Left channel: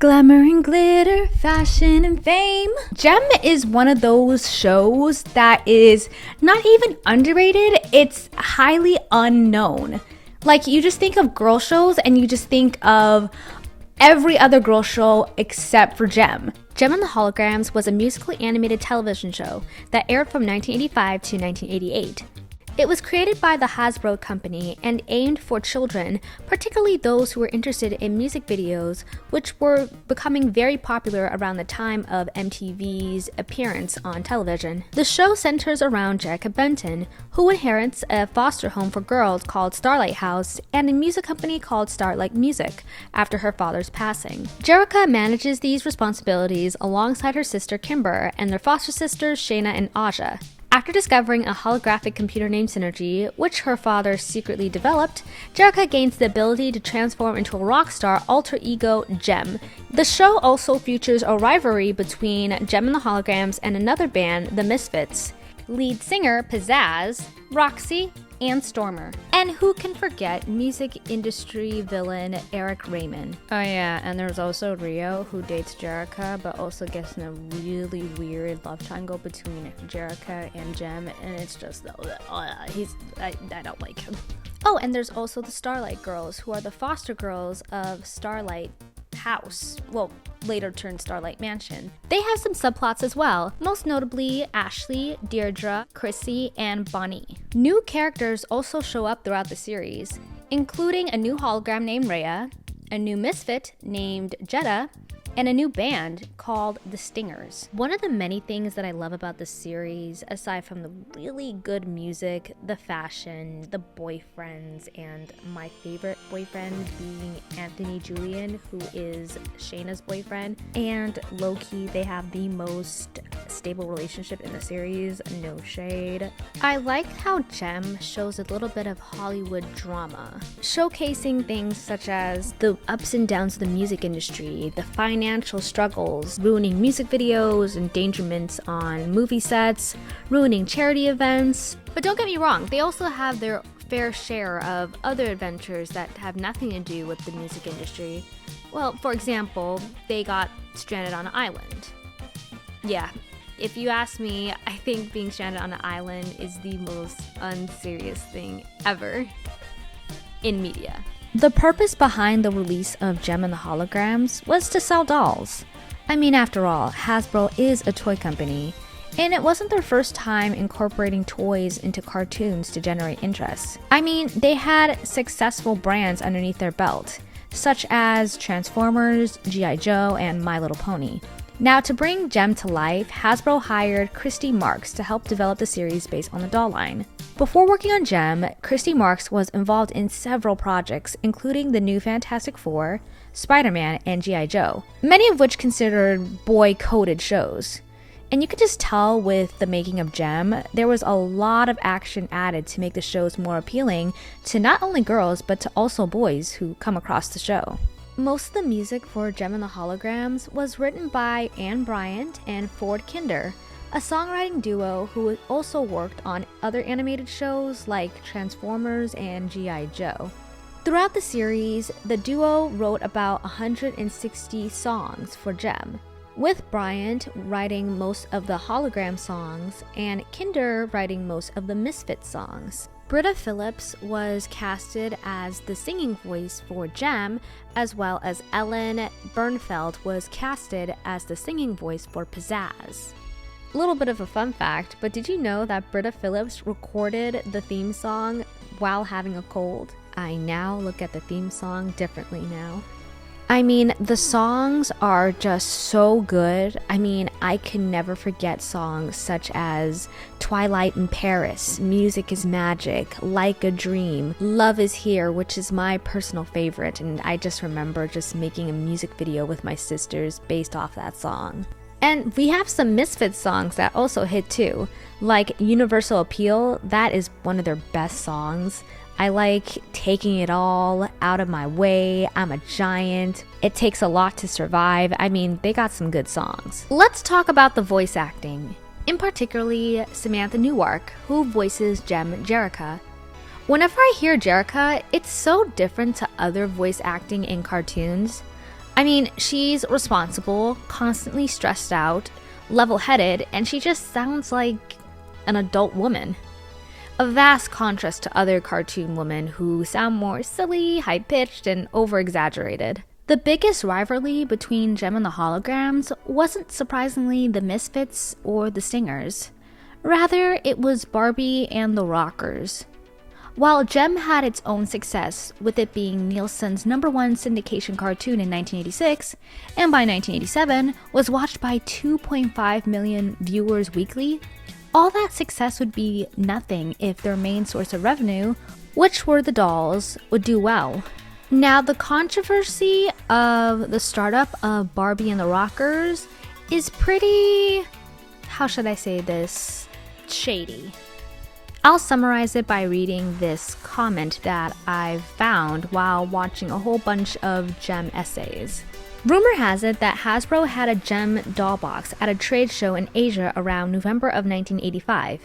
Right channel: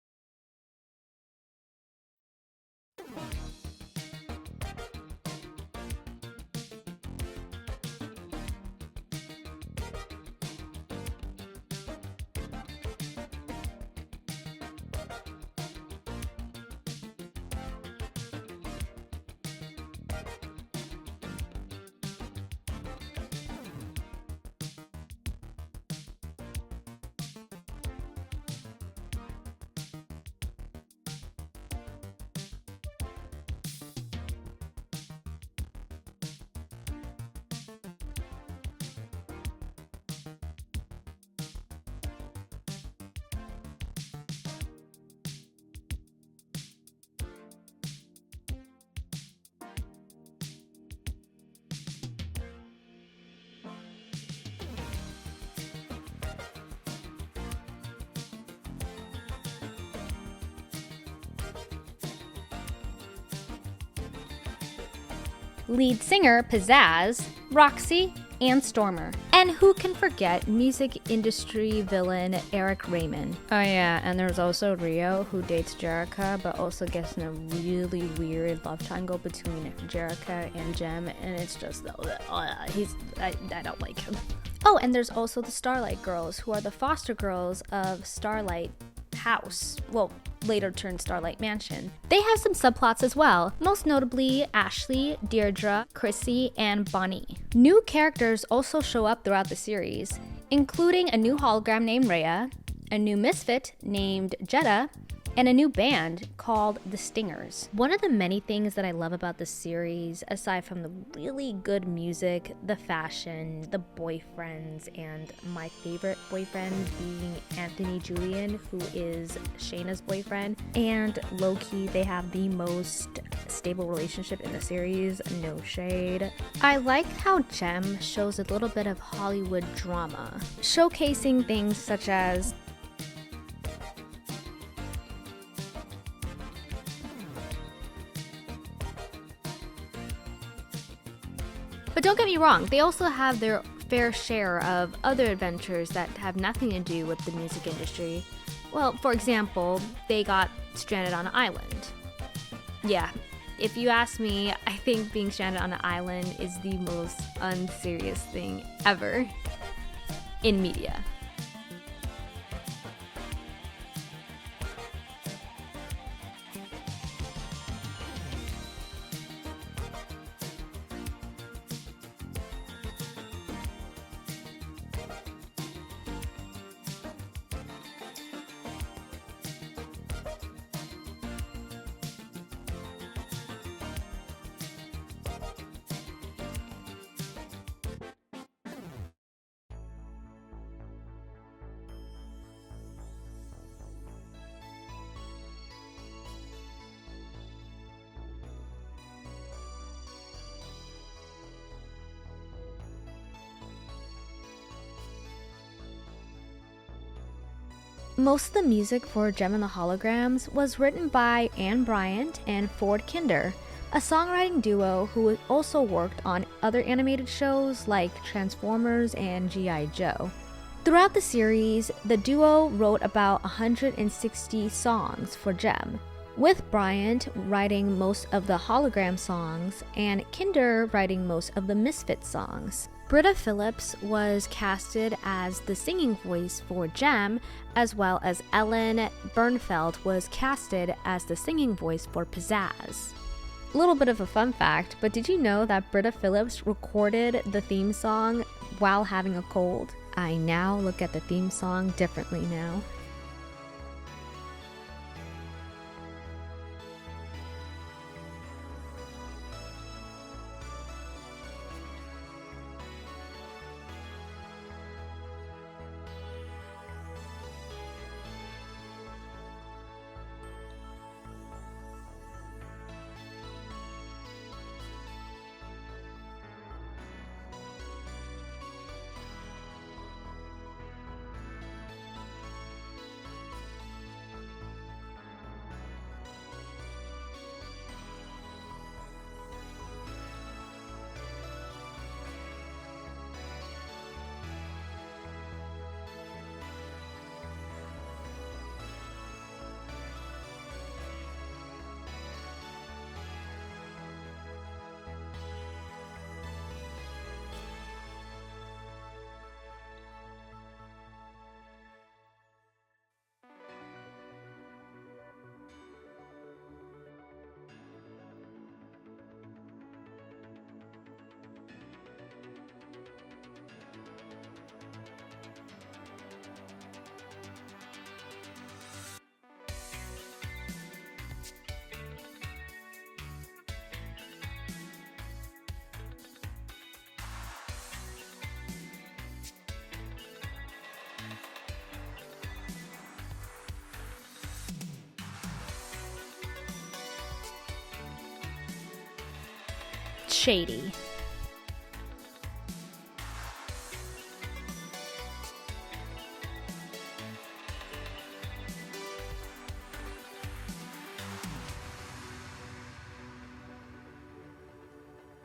Glamour and glitter, fashion and fame. Gem is one of those shows that is not even underrated, it's highly unknown. Like, you just think of girl shows and you just think of every other girl show except for Gem. Gem and the Holograms was a musically animated television show that aired from 1985 to 1988. It was created by the Hasbro company and aimed for children, particularly those who were interested in music videos, which were becoming very popular around the time of MTV's appearance on television. The show centers around Jerica Benton, who inherits a foster home for girls called Starlight House and a music company called Starlight Music after her father's passing. Jerica manages these responsibilities alongside her sister Kimber and their foster sisters Shayna and Aja. After discovering a holographic computer named Synergy, which her father secretly developed, Jerica gains the ability to transform into a rock star alter ego, Gem. The show also features a rivalry between Gem and the Holograms and another band, the Misfits. Lead singer Pizzazz, Roxy, and Stormer. And who can forget music industry villain Eric Raymond? Oh yeah, and there's also Rio, who dates Jerica, but also gets in a really weird love triangle between Jerica and Gem, and it's just, I don't like him. Oh, and there's also the Starlight Girls, who are the foster girls of Starlight House. Well, later turned Starlight Mansion. They have some subplots as well, most notably Ashley, Deirdre, Chrissy, and Bonnie. New characters also show up throughout the series, including a new hologram named Rhea, a new misfit named Jetta, and a new band called The Stingers. One of the many things that I love about this series, aside from the really good music, the fashion, the boyfriends, and my favorite boyfriend being Anthony Julian, who is Shayna's boyfriend, and low-key, they have the most stable relationship in the series, no shade. I like how Gem shows a little bit of Hollywood drama, showcasing things such as the ups and downs of the music industry, the financial struggles, ruining music videos, endangerments on movie sets, ruining charity events. But don't get me wrong, they also have their fair share of other adventures that have nothing to do with the music industry. Well, for example, they got stranded on an island. Yeah, if you ask me, I think being stranded on an island is the most unserious thing ever in media. The purpose behind the release of Gem and the Holograms was to sell dolls. I mean, after all, Hasbro is a toy company, and it wasn't their first time incorporating toys into cartoons to generate interest. I mean, they had successful brands underneath their belt, such as Transformers, G.I. Joe, and My Little Pony. Now, to bring Gem to life, Hasbro hired Christy Marks to help develop the series based on the doll line. Before working on Gem, Christy Marks was involved in several projects, including the new Fantastic Four, Spider-Man, and G.I. Joe, many of which considered boy-coded shows. And you could just tell with the making of Gem, there was a lot of action added to make the shows more appealing to not only girls, but to also boys who come across the show. Most of the music for Gem and the Holograms was written by Anne Bryant and Ford Kinder, a songwriting duo who also worked on other animated shows like Transformers and G.I. Joe. Throughout the series, the duo wrote about 160 songs for Gem, with Bryant writing most of the hologram songs and Kinder writing most of the Misfit songs. Britta Phillips was casted as the singing voice for Gem, as well as Ellen Bernfeld was casted as the singing voice for Pizzazz. A little bit of a fun fact, but did you know that Britta Phillips recorded the theme song while having a cold? I now look at the theme song differently now. I mean, the songs are just so good. I mean, I can never forget songs such as Twilight in Paris, Music is Magic, Like a Dream, Love is Here, which is my personal favorite, and I just remember just making a music video with my sisters based off that song. And we have some Misfits songs that also hit too, like Universal Appeal. That is one of their best songs. I like Taking It All, Out of My Way, I'm a Giant, It Takes a Lot to Survive. I mean, they got some good songs. Let's talk about the voice acting, in particularly Samantha Newark, who voices Gem Jerica. Whenever I hear Jerica, it's so different to other voice acting in cartoons. I mean, she's responsible, constantly stressed out, level-headed, and she just sounds like an adult woman. A vast contrast to other cartoon women who sound more silly, high-pitched, and over-exaggerated. The biggest rivalry between Jem and the Holograms wasn't surprisingly the Misfits or the Stingers. Rather, it was Barbie and the Rockers. While Jem had its own success, with it being Nielsen's #1 syndication cartoon in 1986, and by 1987 was watched by 2.5 million viewers weekly, all that success would be nothing if their main source of revenue, which were the dolls, would do well. Now, the controversy of the startup of Barbie and the Rockers is pretty, how should I say this, shady. I'll summarize it by reading this comment that I found while watching a whole bunch of Jem essays. Rumor has it that Hasbro had a Jem doll box at a trade show in Asia around November of 1985.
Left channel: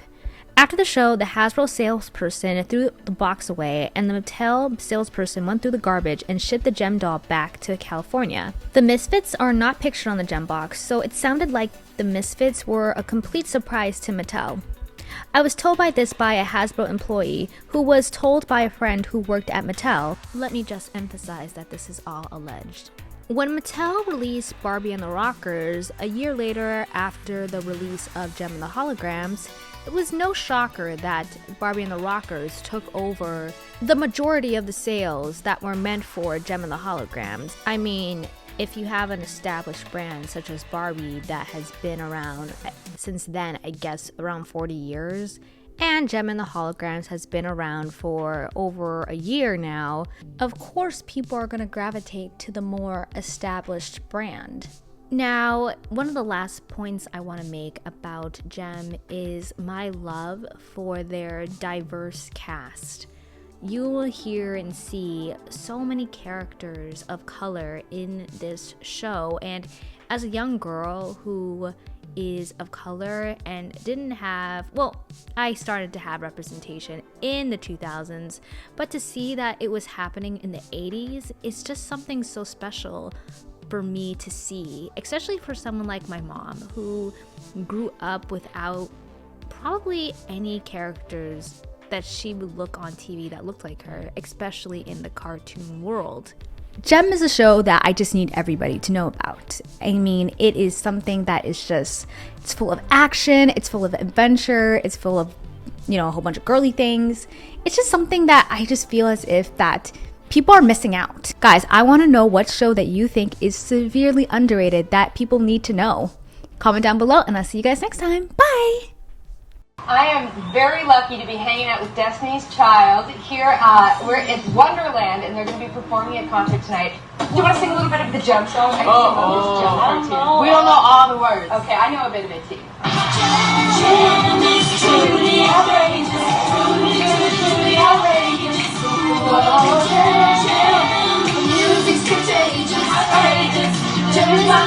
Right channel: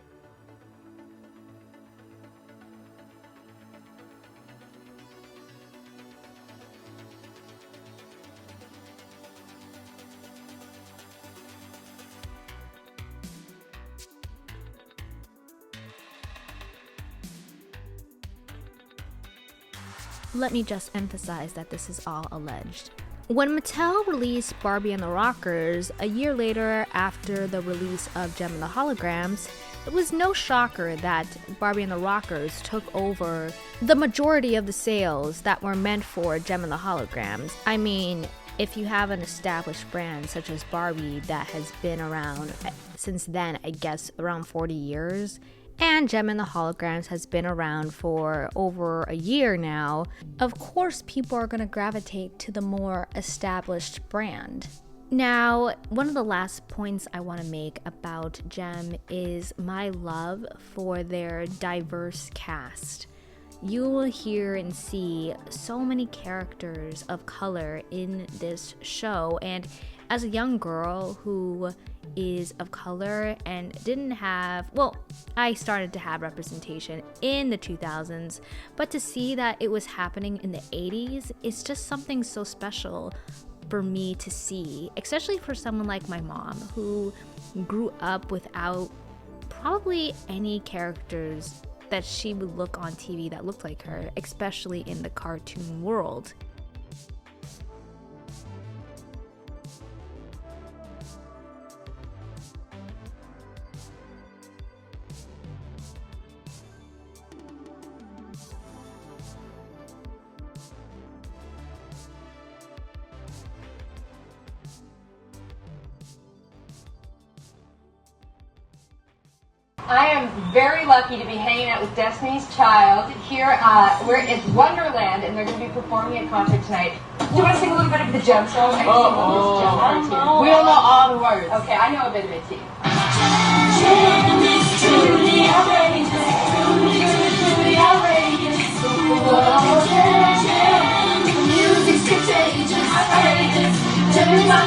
After the show, the Hasbro salesperson threw the box away, and the Mattel salesperson went through the garbage and shipped the Jem doll back to California. The Misfits are not pictured on the Jem box, so it sounded like the Misfits were a complete surprise to Mattel. I was told by a Hasbro employee who was told by a friend who worked at Mattel. Let me just emphasize that this is all alleged. When Mattel released Barbie and the Rockers, a year later after the release of Jem and the Holograms, it was no shocker that Barbie and the Rockers took over the majority of the sales that were meant for Jem and the Holograms. I mean, if you have an established brand such as Barbie that has been around since then, I guess around 40 years, and Jem and the Holograms has been around for over a year now, of course people are going to gravitate to the more established brand. Now, one of the last points I want to make about Jem is my love for their diverse cast. You will hear and see so many characters of color in this show, and as a young girl who is of color and didn't have, well, I started to have representation in the 2000s, but to see that it was happening in the 80s, it's just something so special for me to see, especially for someone like my mom who grew up without probably any characters that she would look on TV that looked like her, especially in the cartoon world. Jem is a show that I just need everybody to know about. I mean, it is something that is just, it's full of action, it's full of adventure, it's full of, a whole bunch of girly things. It's just something that I just feel as if that people are missing out. Guys, I want to know what show that you think is severely underrated that people need to know. Comment down below, and I'll see you guys next time. Bye! I am very lucky to be hanging out with Destiny's Child here. We're at Wonderland, and they're going to be performing a concert tonight. Do you want to sing a little bit of the Jem song? I can sing Jem too. We don't know all the words. Okay, I know a bit of it too. Jem is truly outrageous, truly outrageous. Whoa, Jem, the music's contagious, outrageous. Jem is my